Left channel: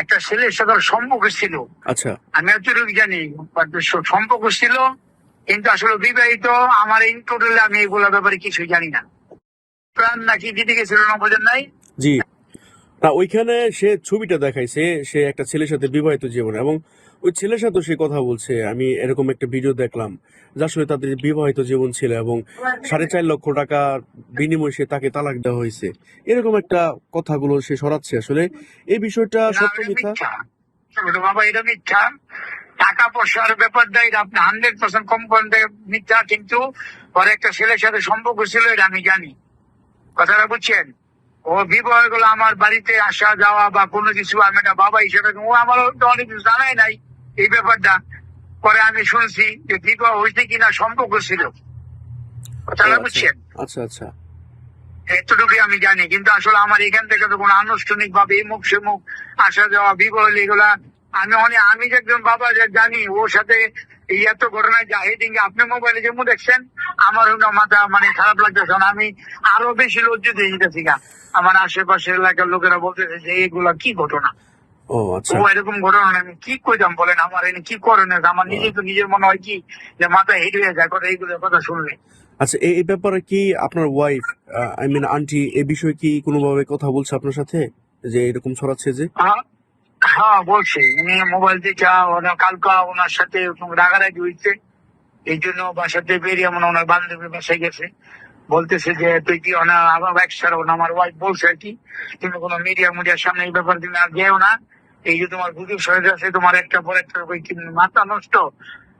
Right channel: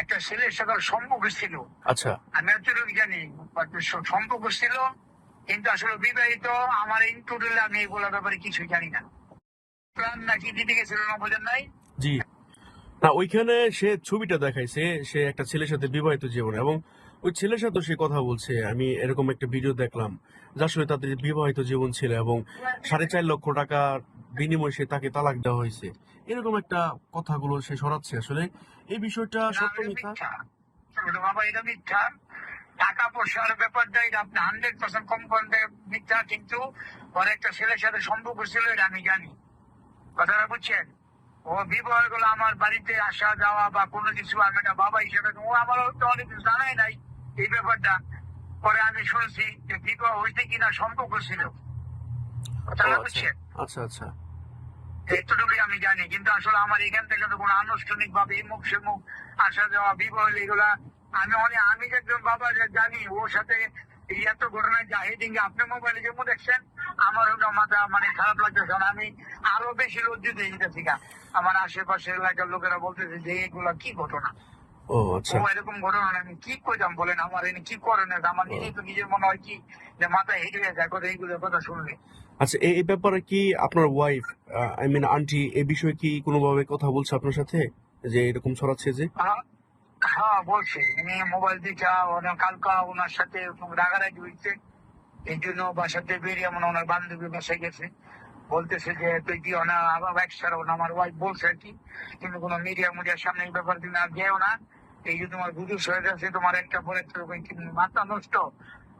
একটা ছেলের সাথে ওর সম্পর্ক ছিল। আচ্ছা। আমি এতটুকু জানি সম্পর্ক ছিল, কিন্তু আসলে বিবাহিত। আমার ইন টোটাল আমি এগুলো ব্যাপারে কিছুই জানি না। প্রাণ নাকি দিতে গেছিল না বোঝেন নাই। জি। না, ওইখানে সে ছবিটা দেখাইছে, সে একটা ছেলের সাথে বিবাহিত জীবন, এবং ওই ছেলের সাথে সে কথা বলছে। আমি এরকম একটা ভিডিও দেখলাম, যার সঙ্গে তাদের বিবাহিত জীবন ছিল, এবং 4.5 লক্ষ টাকা বিনিময়ে সে তাকে তালাক দেওয়া হয়েছে। এরকম একটা কথাগুলো সে সরাচ্ছে। আসলে এই বিষয়টা না, সত্য এটা মিথ্যা? মিথ্যা। ছোট বাবা, এটা মিথ্যা। টাকা পয়সার ব্যাপারটা এটা আপনি 100% কম করতে মিথ্যা, কিন্তু ওর একটা ছেলের সাথে সম্পর্ক ছিল, এটা আমি জানি। কথাটা বুঝছেন? ও বিবাহ গুলো আমার বাড়িতে আসা যাওয়া বা কোনো কিছু, আমি একটা বাবা হিসেবে ও আমারও তো অনেক কিছু জানাই নাই এই ব্যাপারটা। পরে আমি শুনছি যে বিবাহ হয়েছে কিনা সম্পর্ক ছিল। ও কথাটা আচ্ছা, বুঝছেন? আচ্ছা, আচ্ছা। এতটুকুই আমি জানি, কিন্তু আসলে আমার এখান থেকে তো কোনো আনুষ্ঠানিক ভাবে এই মুখ সে মুখ আসা যাওয়া বিবাহ এগুলা আমি যে একজন বাবা যে জানি ওর সাথে এই এত ঘটনায় যা হেডিং আপনি মোবাইলে যেমন দেখছেন, আমার মাথা মানে খারাপ লাগতেছে না। আমি আরো বেশি লজ্জিত হয়ে যেতেছি গা। আমার আশেপাশের এলাকার লোকেরা বলতেছে যে এগুলা কি ঘটনা। ও ও আচ্ছা। এরকম ঘটনা আমি কি কইতাম বলেন, আমার এনে কি করেন। আমার নিজেই তো নিজের মনে হয় কি যে মাথা হেঁটে হয়ে যায় কথা এইগুলো কথা শুনলে। আচ্ছা, এই ব্যাপারে কি আপনার ওয়াইফ, আই মিন আন্টি, এই বিষয়ে কি কোনোভাবে কথা বলছে আপনার সাথে, যে এরকম ছড়াচ্ছে যে? হ্যাঁ, হ্যাঁ বলছে। উনি মোবাইল দেখা কালকা ওনার সাথে রাগারাগি হয়েছে, এই জন্য বাসাতে বেরিয়ে মনে ওনার বান্ধবী বাসায় গেছে। বলতেছে যে তুই কি আমার বাইক ছাড়াও না, আমার ওয়াইফ বলছে আর কি, তুমি কোনো মিডিয়ার সামনে এই ব্যাপার তুমি আর যেও না। এই যে তোমার গুজব সরে যাচ্ছে, তোমার একটা পর একটা মাথা নষ্ট।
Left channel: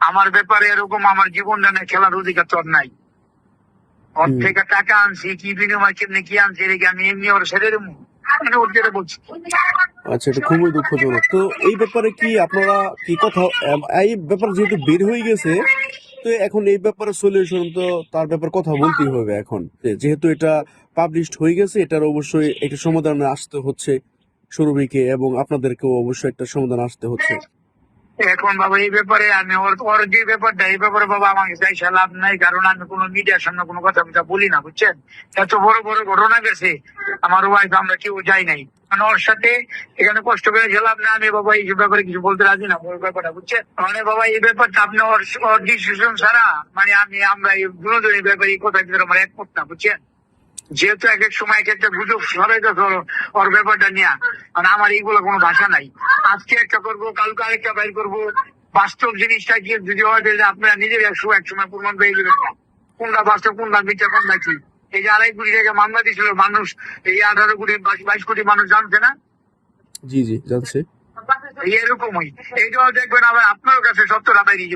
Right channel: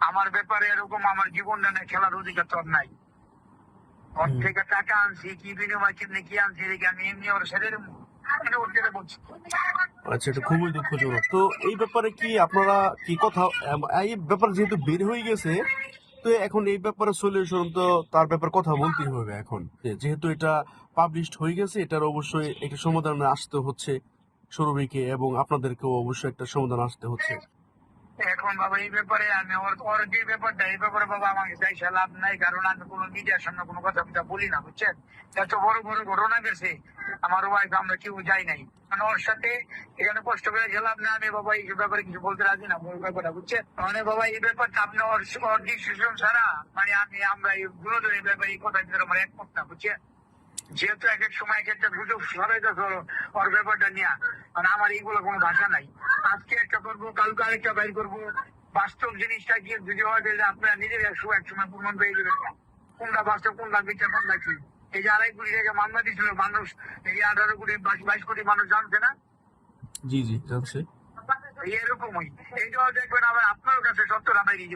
আমার ব্যাপারে এরকম আমার জীবনটা নিয়ে খেলার অধিকার তোর নাই। ওর হুম। থেকে টাকা আনছি কি বিনিময় কেমনি কি আনছি রেখে আমি এমনি ওর ছেড়ে দেবো? আমি ওর যেটা বলছি। আচ্ছা, এটা খুবই দুঃখজনক। তো এই ব্যাপারে কি আপনারা কি কথা, এই ব্যাপারে যেহেতু বের হয়ে গেছে, তো এখন এই ব্যাপারে সলিউশন তো তার ব্যাপারে কথা বলতেই হবে এখন। যেহেতু এটা পাবলিশড হয়ে গেছে, এটার অবশ্যই একটা সমাধানে আসতে হচ্ছে সুরভিকে, এবং আপনাদেরকেও অবশ্যই একটা সমাধান আসতে হচ্ছে। এখন বাবা এই ব্যাপারে আমি ওর ওর যে ব্যাপারটা এই ব্যাপারে বাবা আমাকে চাইছে লাভ নাই, কারণ আমি কোনো মিডিয়ার সামনে কোনো কথা বলি না বুঝছেন। এত বড় বড় ঘটনা গেছে, আমার ওয়াইফ আমরা কেউ যাই নাই, মানে ওর সাথে এখানে কষ্ট করে লাভ না। আমি বাবা এই ব্যাপারে কিছু বলতে রাজি না ওর ব্যাপারটা বুঝছেন। মানে বাবা এই ব্যাপারটা আপনি ওর ওর ডিসিশন ছাড়া মানে আমরা এই দুজনের ব্যাপারে এই কথা ভিতরে আমার একমত না বুঝছেন। যেহেতু এক এক সময় এক একটা গুজব ছড়াই যাচ্ছে ওর ব্যাপারটা নিয়ে, মানে আমার এইগুলো কোনো ভাষা নাই। আজকে একটা করবো, কালকে আরেকটা বাইর করবো। বাস্তব জিনিসটা কি যদি হয় যে আপনারা নিজের এক সময় প্রমাণ পেয়ে যাবেন কোনটা বাস্তব কোনটা মিথ্যা কোনটা কি। এই যে 2.5 কোটি টাকা মামলা দিয়েছিল মানুষ, এই 18 কোটি 22 কোটি মানুষ জানছে না। জি জি, জানছে। এরকমই এইটাও দেখবেন আবার আপনার কাছে সত্যটা বেরিয়ে যাবে।